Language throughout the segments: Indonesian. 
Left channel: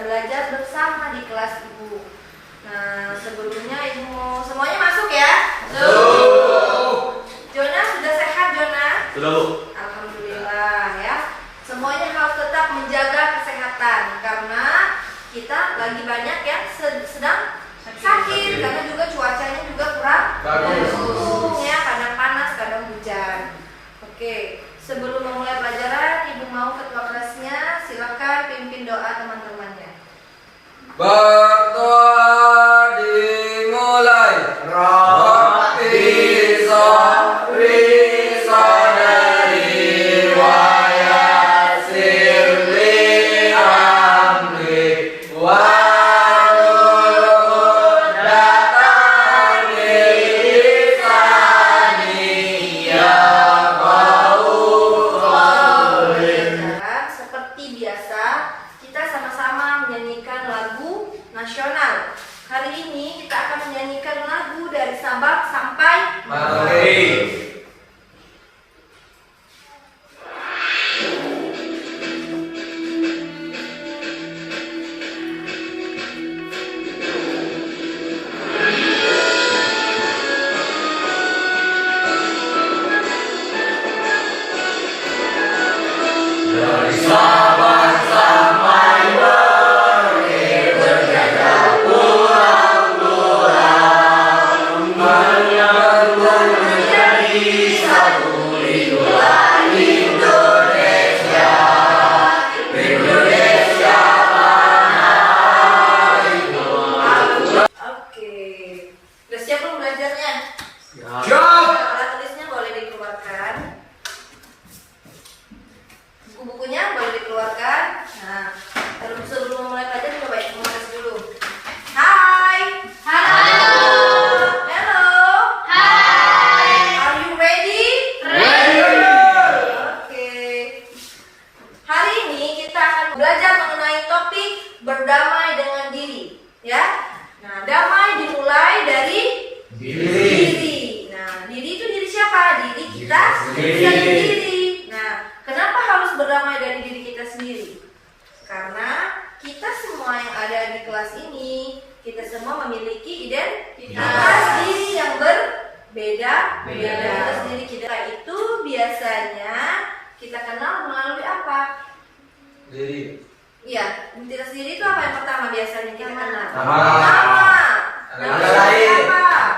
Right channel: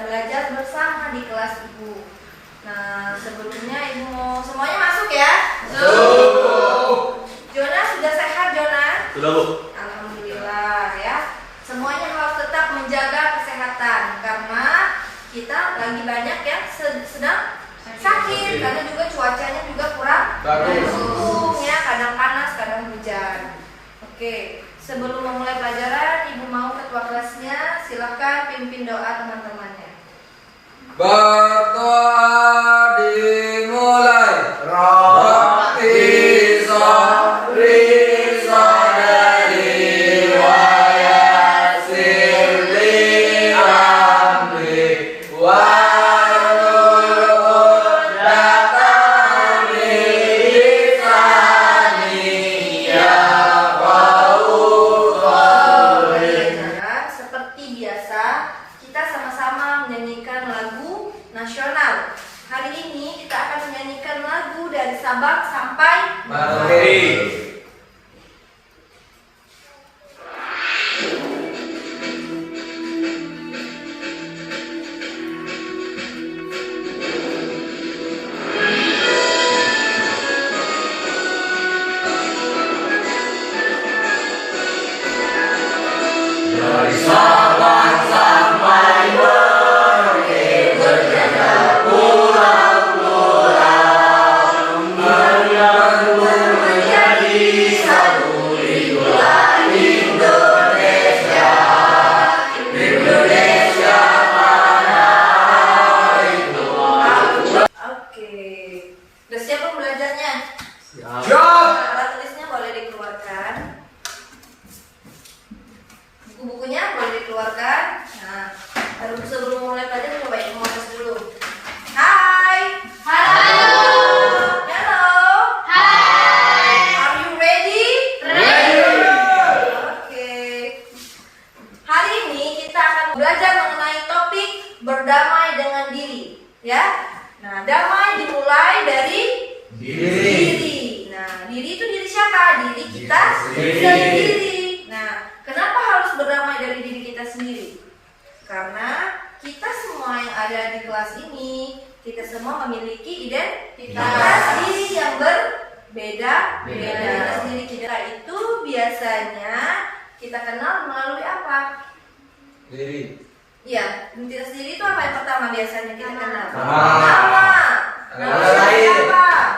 bisa belajar bersama di kelas Ibu. Nah, sebelumnya Ibu mau semuanya masuk ya? Jona sudah sehat, Jona? Sudah, Bu. Alhamdulillah ya. Semuanya harus tetap menjaga kesehatan karena kita lagi banyak yang sedang sakit karena juga cuacanya juga kurang mendukung ya, kadang panas, kadang hujan. Oke, sebelum memulai pelajaran, Ibu mau ketua kelasnya silakan pimpin doa teman-temannya. Berdoa dimulai. Rabbi Sabri Sadari wa yassir li amri wahlul 'uqdatam min lisani yafqahu qawli. Dan seperti biasa, kita sama-sama menyanyikan lagu nasional. Hari ini kita akan menyanyikan lagu dari Sabang sampai Merauke. Dari Sabang sampai Merauke berjalan pulau-pulau menyambung menjadi satu itulah Indonesia. Indonesia tanah itu. Oke. Udah siap belum belajarnya? Siap. Alat tulisnya boleh dikeluarkan. Buku-bukunya boleh dikeluarkan. Nah, sebelum memulai pelajaran coba Ibu mau tes dulu. Hai. Halo. Hello. Hai. Are you ready? Oke. Hari ini kita akan belajar mengenai topik berdamai dengan diri, ya. Nah, damai dimulai dari diri. Nah, diri itu diri siapa? Diri kita sendiri. Nah, kenapa harus berdamai dari diri kita sendiri? Karena kita semua yang ada di kelas ini, kita semua memiliki identitas diri yang berbeda-beda. Identitas diri kita itu biasanya kita kenal melalui apa? Diri. Iya, identitas diri itu apa yang pertama biasanya kita kenal? Nama. Nama Nama siapa? lain.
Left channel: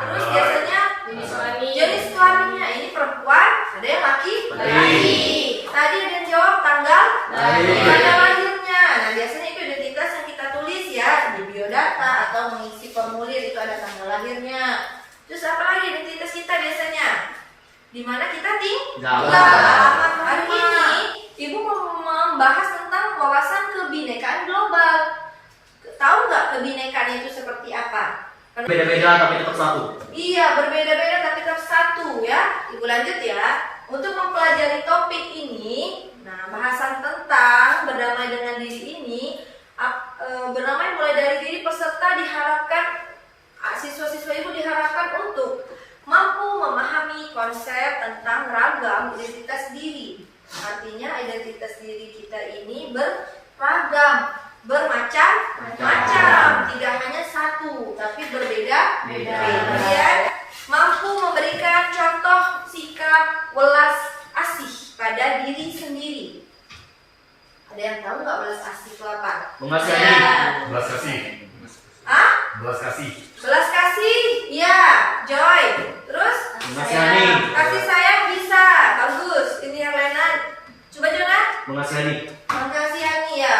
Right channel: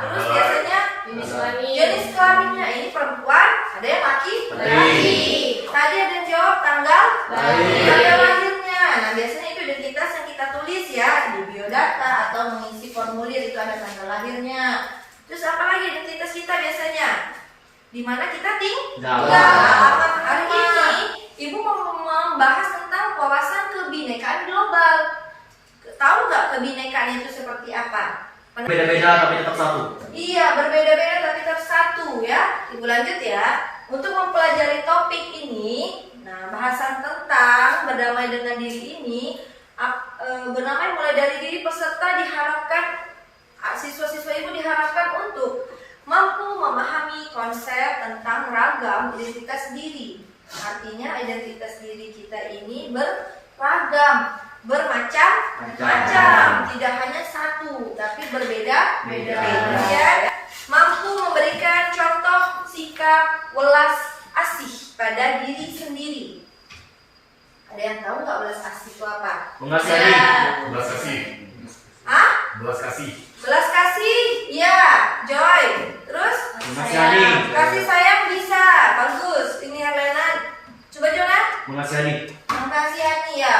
Terus biasanya Jenis jenis kelaminnya ini perempuan, ada yang laki. Tadi ada yang jawab tanggal lahirnya. Nah, biasanya itu identitas yang kita tulis ya di biodata atau mengisi formulir itu ada tanggal lahirnya. Terus apa lagi identitas kita biasanya? Di mana kita tinggal. Hari ini Ibu mau membahas tentang wawasan kebinekaan global. Tahu nggak kebinekaan itu seperti apa? Beda-beda tapi tetap satu. Iya, berbeda-beda tapi tetap satu ya. Ibu lanjut ya. Untuk mempelajari topik ini, nah bahasan tentang berdamai dengan diri ini, berdamai mulai dari diri peserta diharapkan, siswa-siswa Ibu diharapkan untuk mampu memahami konsep tentang ragam identitas diri. Artinya identitas diri kita ini beragam, bermacam-macam, tidak hanya satu, tapi berbeda-beda. Ya. Mampu memberikan contoh sikap welas asih pada diri sendiri. Ada yang tahu nggak welas asih itu apa? Mengasihani. Belas kasih. Hah? Belas kasih. Belas kasih? Ya, Joy. Terus? Mengasihani. Kasih sayang bisa, bagus. Ini yang lain. Coba Jona. Mengasihani. Mengasihani ya.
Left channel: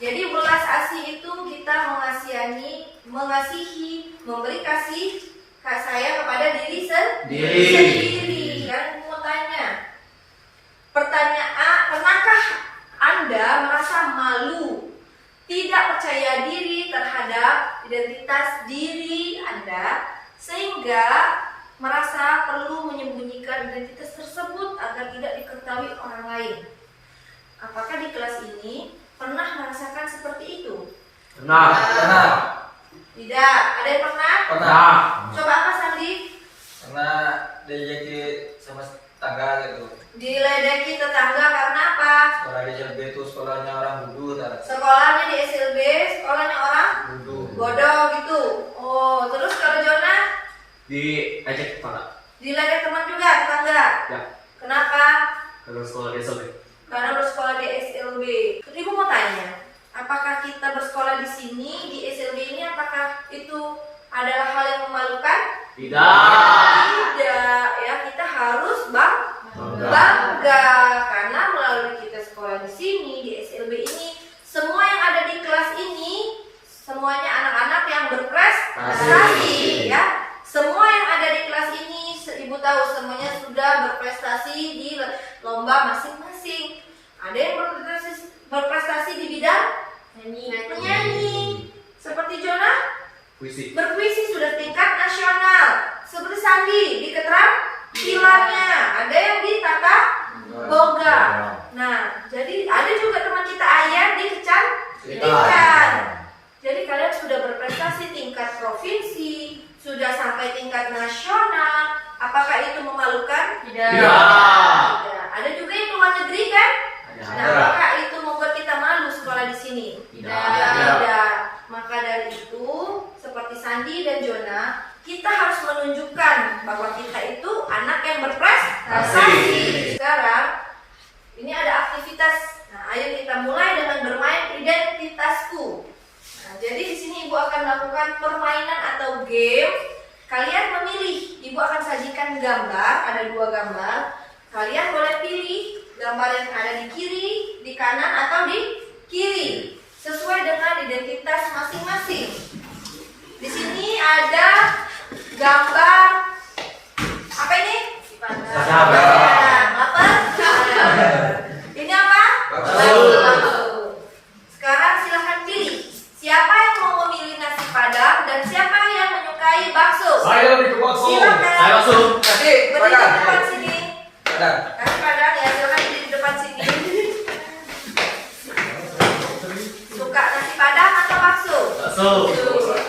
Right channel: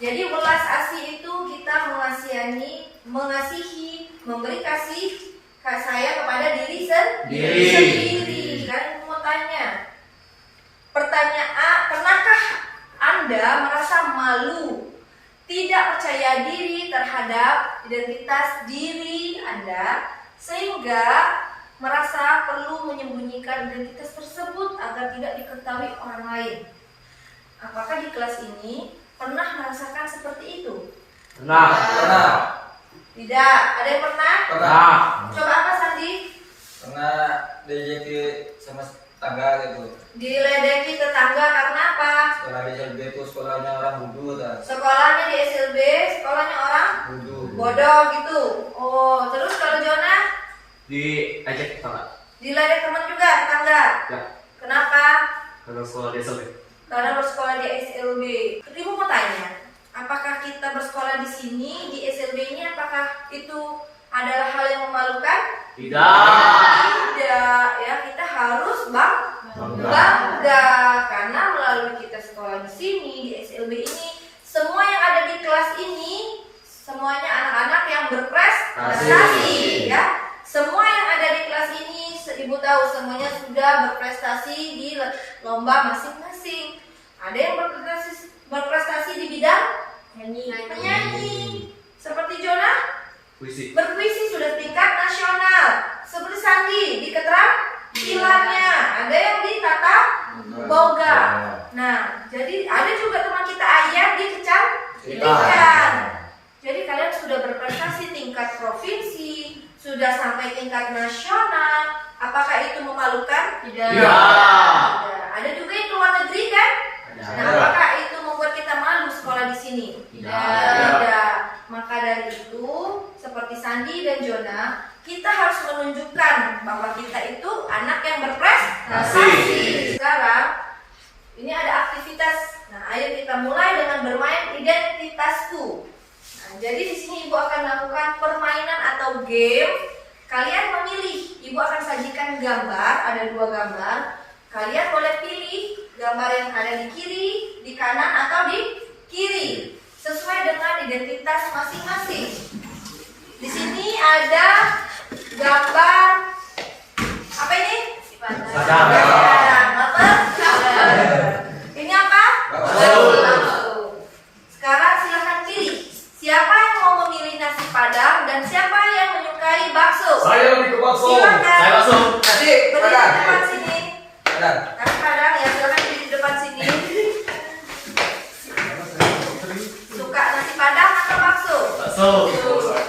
Jadi belas asih itu kita mengasihi, memberi kasih sayang kepada diri sendiri. Dan mau tanya, pertanyaan, pernahkah Anda merasa malu, tidak percaya diri terhadap identitas diri Anda, sehingga merasa perlu menyembunyikan identitas tersebut agar tidak diketahui orang lain? Apakah di kelas ini pernah merasakan seperti itu? Pernah. Tidak. Ada yang pernah? Pernah. Coba apa Sandi? Karena diajak sama tangga gitu. Diledeki tetangga karena apa? Sekolah di SLB itu sekolahnya orang bodoh tak? Sekolahnya di SLB, sekolahnya orang Bodoh. bodoh gitu. Oh, terus kalau Jona Diajak kepala. diledek teman juga tetangga. Ya. Kenapa? Kalau sekolah di SMP. Karena bersekolah di SLB. Ibu mau tanya, apakah kita bersekolah di sini di SLB ini apakah itu adalah hal yang memalukan? Tidak, ya kita harus bangga karena melalui kita sekolah di sini di SLB ini semua yang ada di kelas ini semuanya anak-anak yang berprestasi ya. Semua yang ada di kelas ini ibu tahu semuanya sudah berprestasi di lomba masing-masing. Ada yang berprestasi di bidang penyanyi seperti Jona Puisi. berpuisi sudah tingkat nasional seperti Sandi di keterampilannya, ada yang di tata boga. Nah, jadi ada juga teman kita Ayah di kecantikan. Jadi kalian sudah berprestasi tingkat provinsi, sudah sampai tingkat nasional. Apakah itu memalukan? Tidak. Tidak. Ada juga yang luar negeri kan? Nah, apakah itu membuat kita malu sekolah di sini? Tidak. Maka dari itu, seperti Sandi dan Jona, kita harus menunjukkan bahwa kita itu anak yang berprestasi. Sekarang, ini ada aktivitas. Nah, ayo kita mulai dengan bermain identitasku. Nah, jadi di sini ibu akan melakukan permainan atau game. Kalian memilih. Ibu akan sajikan gambar, ada 2 gambar. Kalian boleh pilih gambar yang ada di kiri, di kanan, atau di kiri, sesuai dengan identitas masing-masing. Di sini ada gambar apa ini? Padang. Apa? Ini apa? Bakso. Sekarang silahkan pilih. Siapa yang mau memilih nasi padang dan siapa yang menyukai bakso? Saya lebih ke bakso. Silakan. Saya langsung. Nanti Berdiri di depan sini. Padang. Nasi padang ya, silakan berdiri di depan sini. Suka nasi padang atau bakso? Bakso.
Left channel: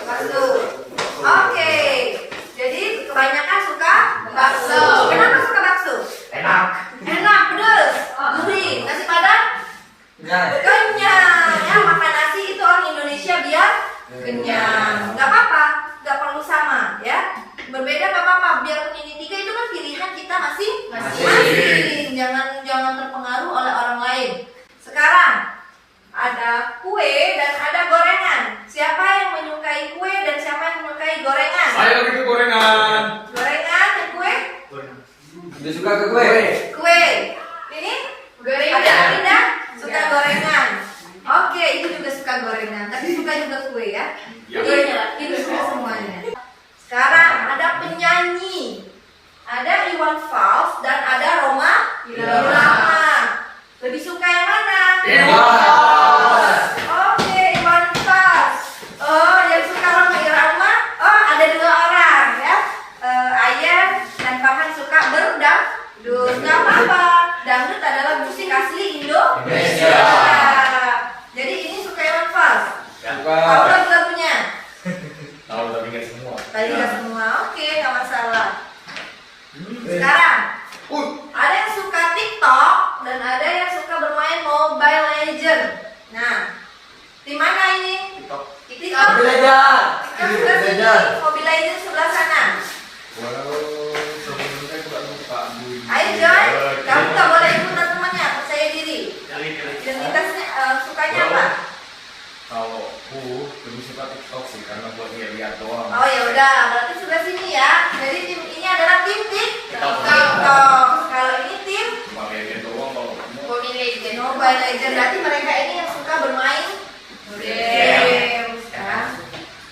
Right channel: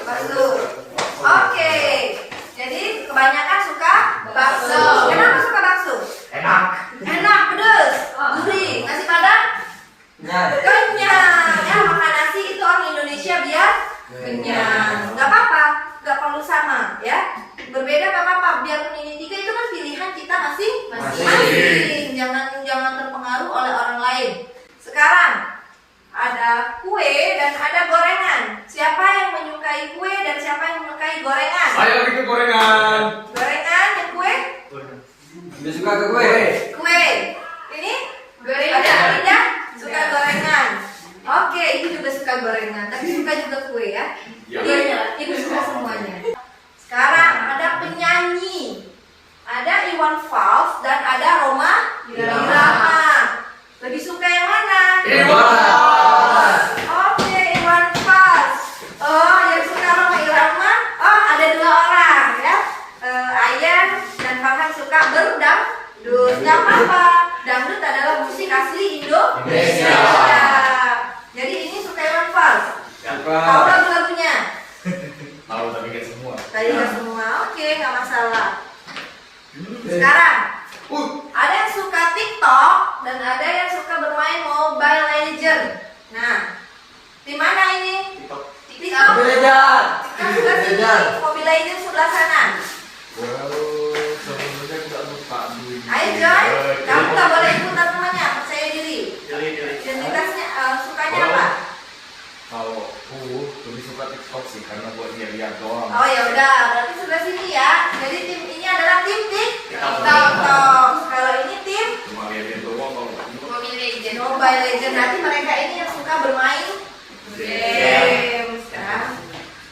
Bakso. Oke. Jadi kebanyakan suka bakso. Kenapa suka bakso? Enak. Enak, pedas, gurih. Nasi padang Nah, kenyang. Ya, makan nasi itu orang Indonesia biar kenyang. Gak apa-apa, gak perlu sama ya. Berbeda gak apa-apa. Biarpun ini 3 itu kan pilihan kita masing-masing. Jangan terpengaruh oleh orang lain. Sekarang ada kue dan ada gorengan. Siapa yang menyukai kue dan siapa yang menyukai gorengan? saya lebih ke gorengan. Gorengan yang kue? Dia suka ke kue. Kue. Ini? Gorengan. Ada Linda suka gorengan. Oke, ibu juga suka gorengan. Tapi suka juga kue ya. Ibu suka semuanya. Sekarang ada penyanyi. Ada Iwan Fals dan ada Roma Irama. Lebih suka yang mana? Oke, Iwan Fals. Oh, yang suka Roma Irama. Oh, ada 2 orang ya. Ayah dan Farhan suka berdangdut. Nggak apa-apa. Dangdut adalah musik asli Indonesia. Jadi ini suka Iwan Fals. Tahu lagu-lagunya? Tahu tapi nggak semua. Tadi nggak semua. Oke, nggak masalah. Sekarang ada yang suka TikTok dan ada yang suka bermain Mobile Legend. Nah, di mana ini? TikTok. TikTok sebelah sini, Mobile Legend sebelah sana. Sebelumnya aku tak lupa. Ayo Joy, kamu nggak boleh ikutan temannya, percaya diri. Pilih. Identitasnya sukanya apa? Kalau aku lebih suka TikTok sih karena buat lihat doang. Oh ya udah, berarti sebelah sini ya. Jadi tim ini adalah tim TikTok. Kalau ini tim Cuma lihat doang kalau Mobile Legend. Berarti mereka ini yang suka bermain games kan?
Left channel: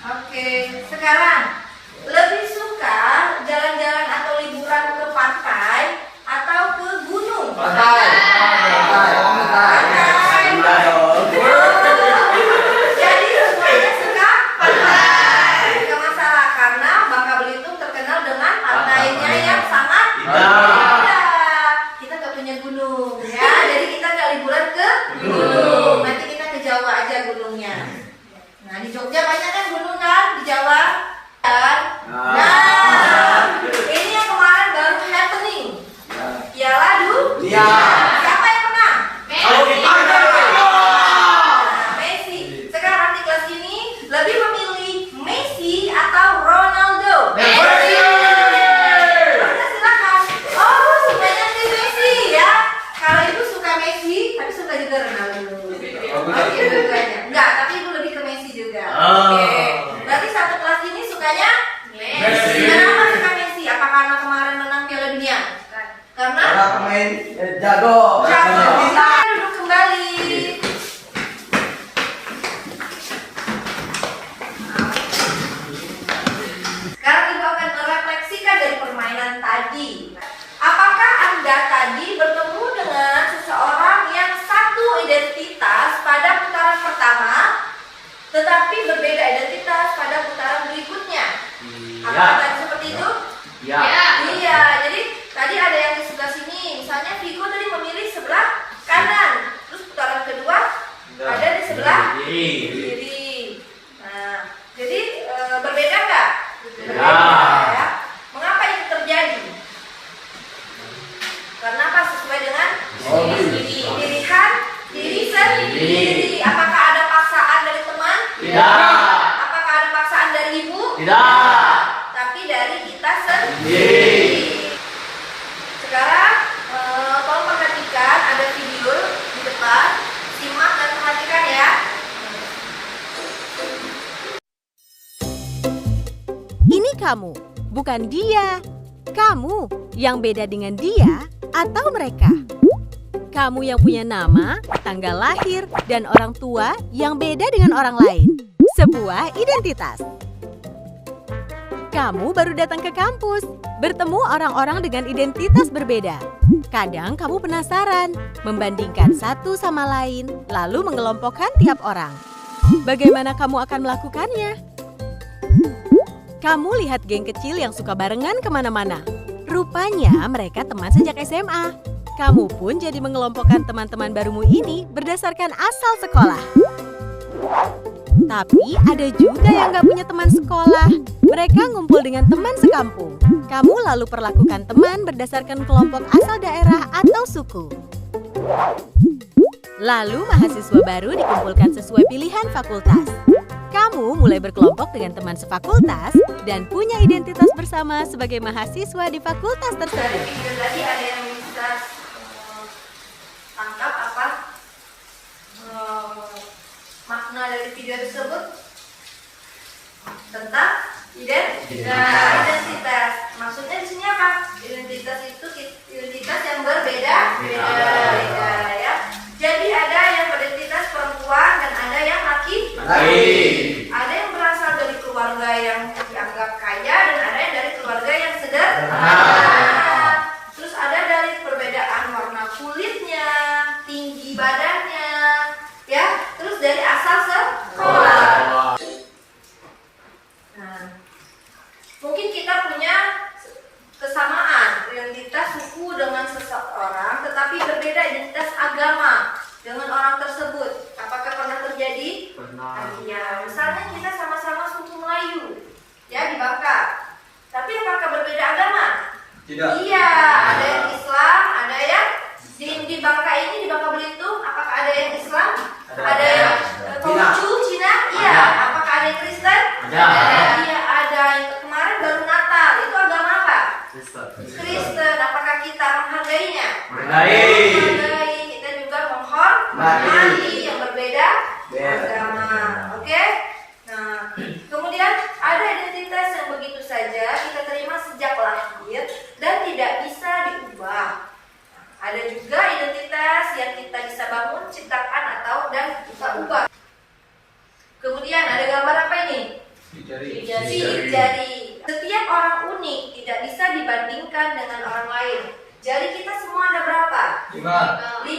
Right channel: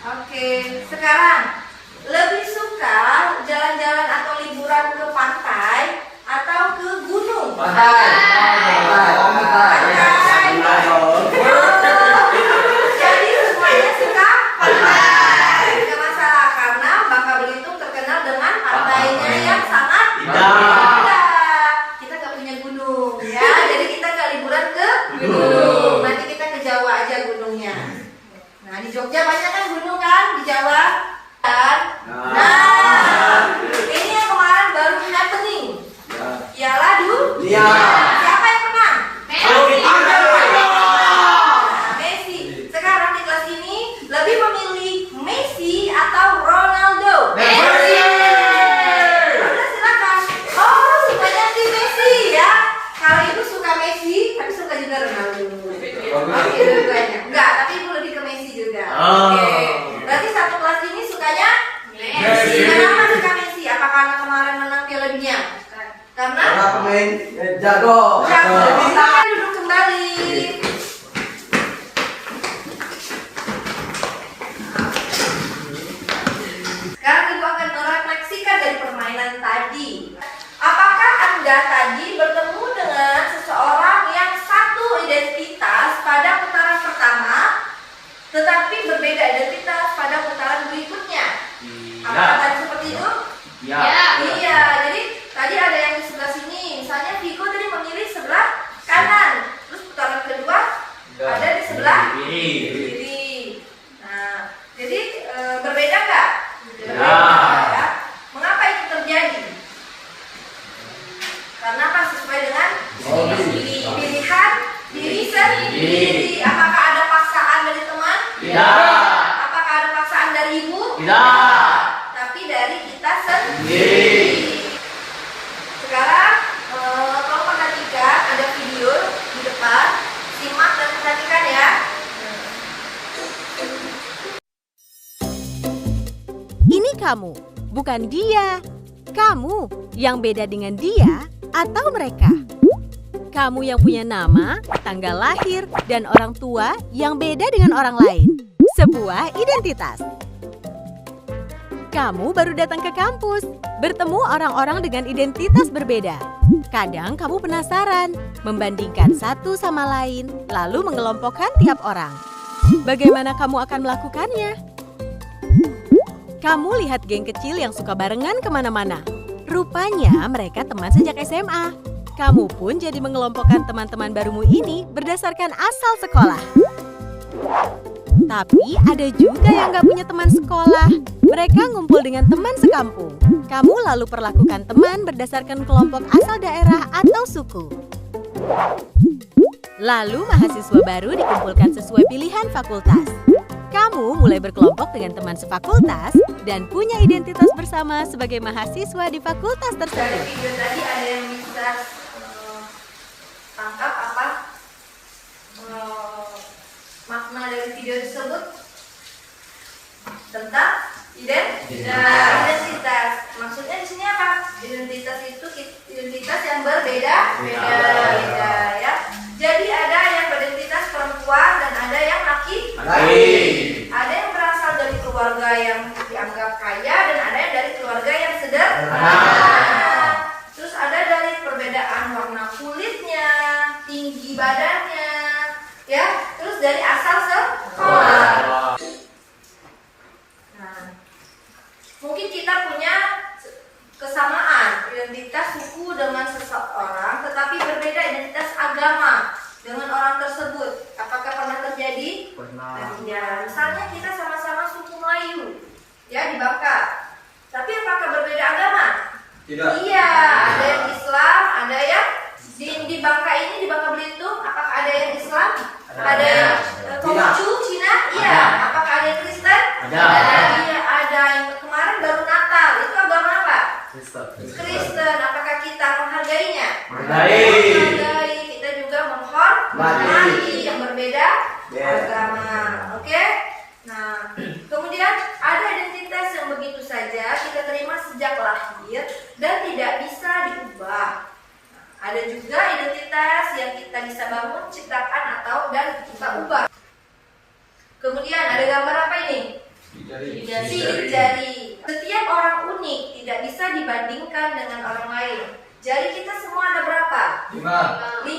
Oke, sekarang lebih suka jalan-jalan atau liburan ke pantai atau ke gunung? Pantai. Jadi semuanya suka pantai. Tidak masalah karena Bangka Belitung terkenal dengan pantainya yang sangat indah. Kita gak punya gunung ya, jadi kita gak liburan ke gunung. Nanti kita ke Jawa aja gunungnya. Nah di Jogja banyak kan gunung kan di Jawa kan. Nah ini yang kemarin baru happening. Piala Dunia. Oke, dua-duanya. Enggak, tapi ibu lebih ke Messi juga. Oke. Berarti satu kelas ini sukanya Messi. Kenapa suka Messi? Apa karena kemarin menang Piala Dunia? Karena pemain jago. Bisa duduk kembali. Sekarang ibu akan merefleksikan dari permainan tadi. Apakah Anda tadi bertemu dengan seseorang yang satu identitas pada putaran pertama, tetapi berbeda identitas pada putaran berikutnya? Apakah tadi seperti itu? Iya. Jadi tadi ada yang di sebelah sini. Misalnya Viko tadi memilih sebelah kanan. Terus putaran kedua ada di sebelah kiri. Nah, jadi berbeda nggak? Berbeda. Ya. Mengapa itu terjadi? Karena apa? Sesuai dengan pilihan diri sendiri. Apakah ada paksaan dari teman? Tidak. Apakah ada paksaan dari ibu? Tidak. Tapi dari kita sendiri. Sekarang tolong perhatikan, ada video di depan. Simak dan perhatikan ya. Ini kamu, bukan dia. Kamu yang beda dengan dia atau mereka. Kamu yang punya nama, tanggal lahir, dan orang tua yang beda dengan orang lain. Sebuah identitas. Kamu baru datang ke kampus, bertemu orang-orang dengan identitas berbeda. Kadang kamu penasaran, membandingkan satu sama lain, lalu mengelompokkan tiap orang. Bagaimana kamu akan melakukannya? Kamu lihat geng kecil yang suka barengan kemana-mana. Rupanya mereka teman sejak SMA. Kamu pun jadi mengelompokkan teman-teman barumu ini berdasarkan asal sekolah. Tapi ada juga yang gak punya teman sekolah. Mereka ngumpul dengan teman sekampung. Kamu lalu perlakukan teman berdasarkan kelompok asal daerah atau suku. Lalu mahasiswa baru dikumpulkan sesuai pilihan fakultas. Kamu mulai berkelompok dengan teman sefakultas dan punya identitas bersama sebagai mahasiswa di fakultas Dari tersebut. video tadi ada yang bisa tangkap apa makna dari video tersebut tentang identitas. Maksudnya di sini apa? Identitas itu identitas yang berbeda, beda ya. Jadi ada yang beridentitas perempuan dan ada yang laki. Ada yang berasal dari keluarga yang dianggap kaya dan ada yang dari keluarga yang sederhana. Terus ada dari perbedaan warna kulitnya, tinggi badannya, ya. Terus dari asal sekolah. Nah, mungkin kita punya kesamaan identitas suku dengan seseorang, tetapi berbeda identitas agama dengan orang tersebut. Apakah pernah terjadi? Pernah. Ya, misalnya kita sama-sama suku Melayu, ya di Bangka. Tapi apakah berbeda agama? Tidak. Iya, ada yang Islam, ada yang di Bangka ini, di Bangka Belitung. Apakah ada yang Islam? Ada yang Konghucu, Cina? Iya. Apakah ada yang Kristen? Iya, ada. Yang kemarin baru Natal, itu agama apa? Kristen. Apakah kita menghargainya? Menghargai. Kita juga menghormati yang berbeda agama. Oke? Nah, kemudian ada identitas yang begitu saja kita terima sejak lahir dan tidak bisa diubah. Ada juga identitas yang kita bisa bangun, ciptakan atau dan kita ubah. Kemudian ada gambar apa ini? Sidik jari. Setiap orang unik, tidak bisa dibandingkan dengan orang lain. Jari kita semua ada berapa? 5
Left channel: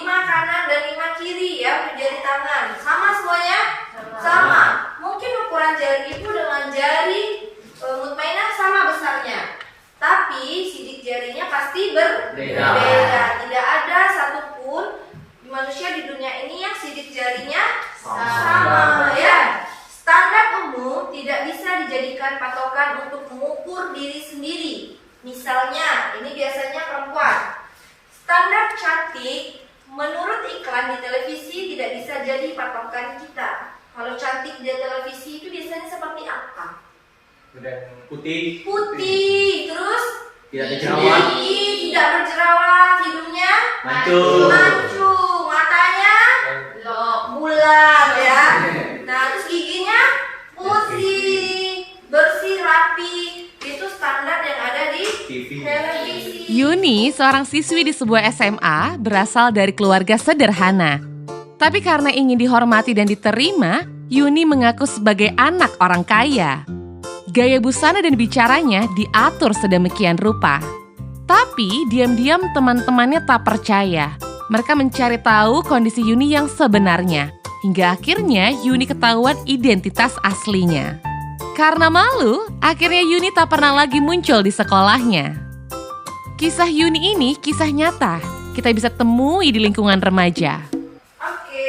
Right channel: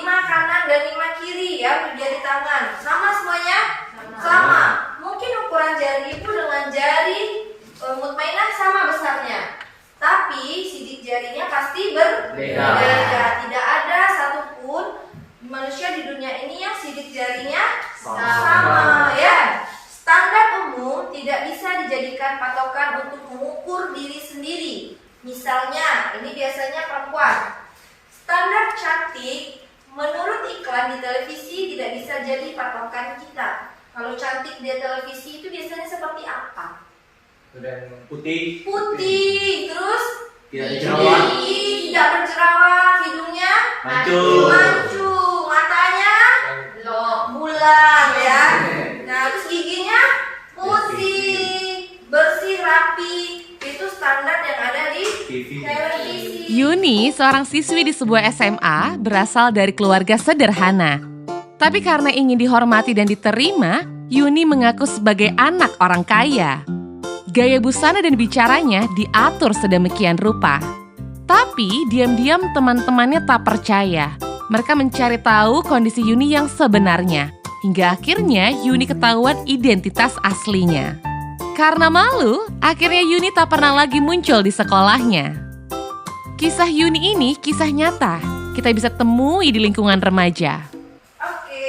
kanan dan 5 kiri ya, jari tangan. Sama semuanya? Sama. Mungkin ukuran jari ibu dengan jari Mutmainah sama besarnya. Tapi sidik jarinya pasti berbeda. Tidak ada satupun manusia di dunia ini yang sidik jarinya sama ya. Standar umum tidak bisa dijadikan patokan untuk mengukur diri sendiri. Misalnya, ini biasanya perempuan. Standar cantik menurut iklan di televisi tidak bisa jadi patokan kita. Kalau cantik di televisi itu biasanya seperti apa? Putih. Putih, terus Tidak berjerawat. tinggi, tidak berjerawat, hidungnya Mancung. mancung, matanya bulat ya. Nah, terus giginya putih, bersih, rapi. Itu standar yang ada di televisi. Yuni, seorang siswi di sebuah SMA, berasal dari keluarga sederhana. Tapi karena ingin dihormati dan diterima, Yuni mengaku sebagai anak orang kaya. Gaya busana dan bicaranya diatur sedemikian rupa. Tapi diam-diam teman-temannya tak percaya. Mereka mencari tahu kondisi Yuni yang sebenarnya. Hingga akhirnya Yuni ketahuan identitas aslinya. Karena malu, akhirnya Yuni tak pernah lagi muncul di sekolahnya. Kisah Yuni ini kisah nyata. Kita bisa temui di lingkungan remaja. Oke,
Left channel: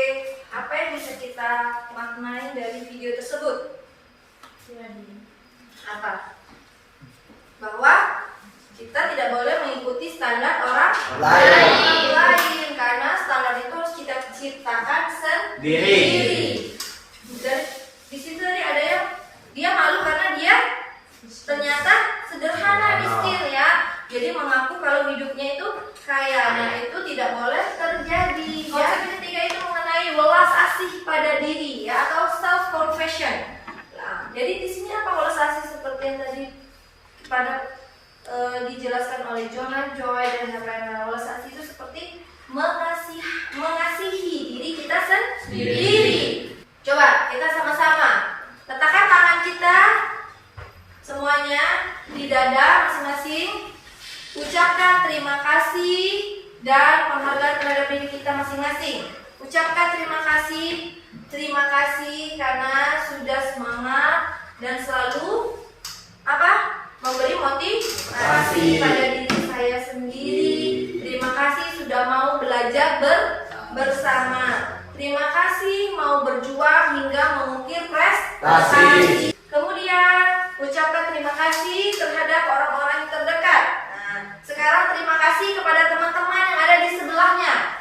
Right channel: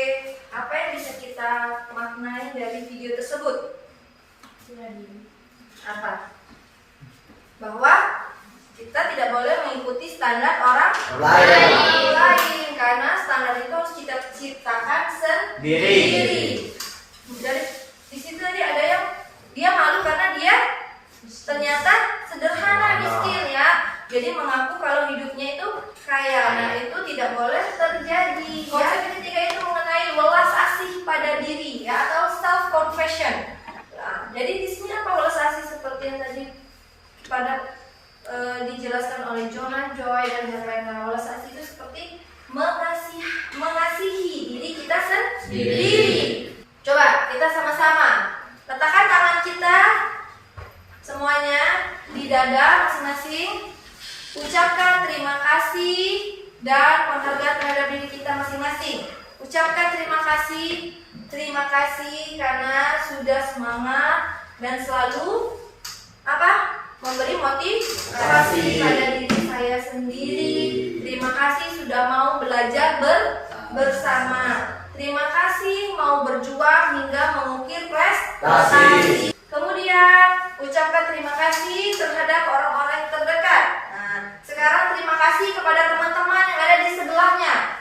apa yang bisa kita maknai dari video tersebut? Apa? Bahwa kita tidak boleh mengikuti standar orang lain karena standar itu harus kita ciptakan sendiri. Dari di situ tadi ada yang dia malu karena dia ternyata sederhana, miskin ya. Jadi mengaku kalau hidupnya itu kaya. Nah, itu tidak boleh terjadi. Konsep yang ketiga itu mengenai welas asih pada diri ya, atau self confession. Nah, jadi di sini apa welas asih seperti yang tadi dijelaskan oleh Jonah Joy dan yang lain-lain. Welas asih itu seperti mengasihi diri kita sendiri. Coba kita sama-sama letakkan tangan kita semuanya di dada masing-masing. Ucapkan terima kasih dan penghargaan terhadap diri kita masing-masing. Ucapkan terima kasih karena sudah semangat dan selalu memberi motivasi pada diri saya sendiri. Terima kasih sudah mau belajar bersama. Terima kasih mau berjuang hingga mengukir prestasi. Kemudian ucapkan terima kasih terhadap orang-orang yang terdekat. Nah, sekarang terima kasih kepada teman-teman yang ada di sebelahnya.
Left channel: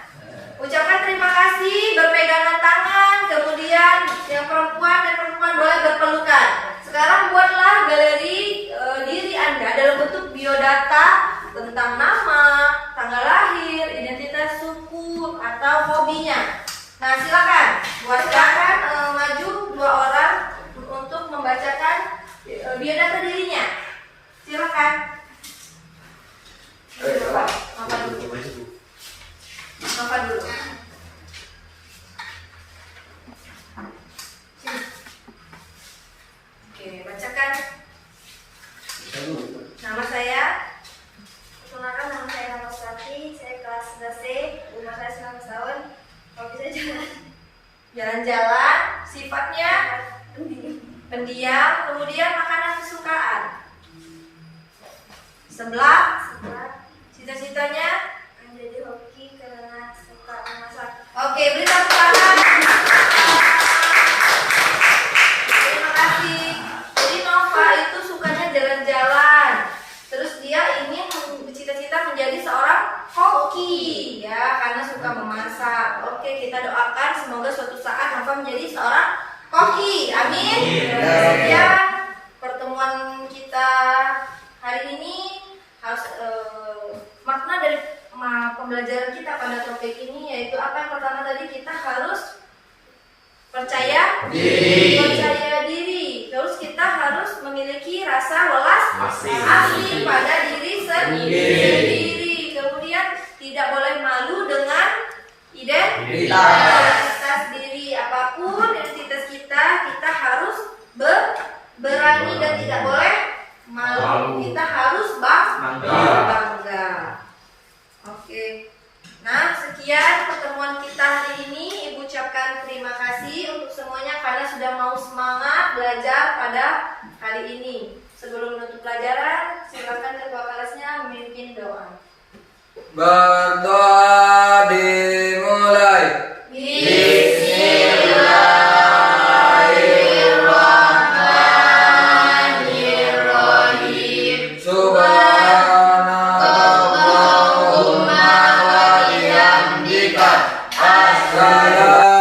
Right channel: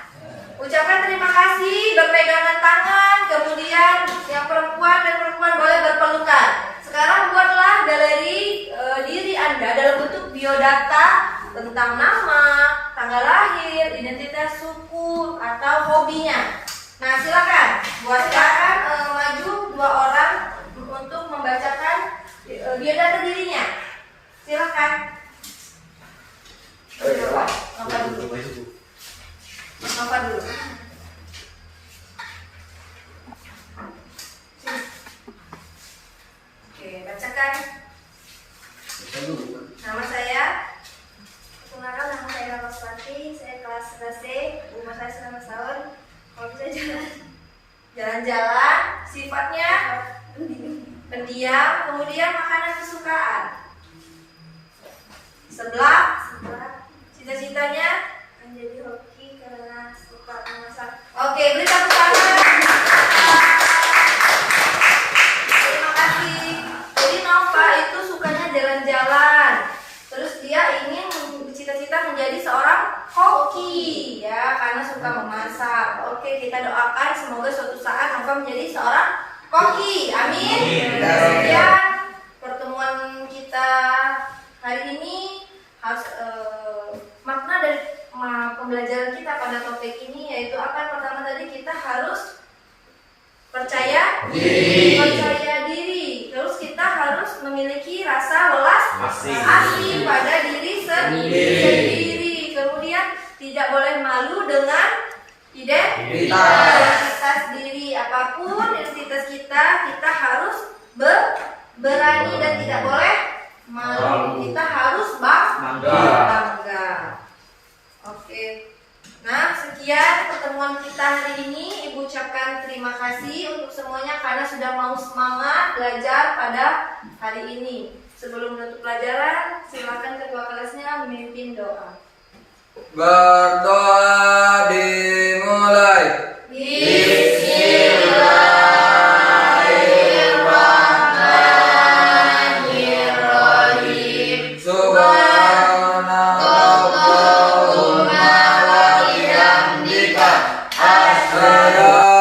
Ucapkan terima kasih berpegangan tangan. Kemudian yang perempuan boleh berpelukan. Sekarang buatlah galeri diri Anda dalam bentuk biodata tentang nama, tanggal lahir, identitas suku, atau hobinya. Nah, silakan buatkan maju 2 orang untuk membacakan biodata dirinya. Silakan. Apa dulu? Oke, bacakan. Nama saya. Perkenalkan, nama saya Rama Suwati. Saya kelas 11C. Umur saya 19 tahun. Kalau bisa jalan-jalan. Sifatnya pendiam. Kemudian makanan kesukaan. Sebelah. Cita-citanya menjadi hoki karena suka memasak. Oke, beri tepuk tangan. Terima kasih. Jadi Nova itu sukanya jalan-jalan. Terus dia ingin bercita-cita menjadi seorang koki ya, karena suka memasak. Oke, kita doakan semoga suatu saat Nova menjadi seorang koki. Amin. Kemudian pertemuan kita hari ini harus makna dari pembelajaran kita pada topik ini yaitu apa? Yang pertama tadi kita harus percaya diri. Terus kita harus memiliki rasa welas asih pada diri sendiri. Kemudian tidak boleh malu dengan identitas diri. Apapun identitas kita harus berani dan tidak boleh malu. Kita harus bangga. Oke. Nah, sekian pertemuan kita hari ini. Ibu ucapkan terima kasih untuk semuanya karena sudah mau semangat belajar pada hari ini. Sebelum menutup pelajaran, silakan ketua kelasnya memimpin doa. Berdoa dimulai. Bismillahirrahmanirrahim. Subhanallahumma wa bihamdika asyhadu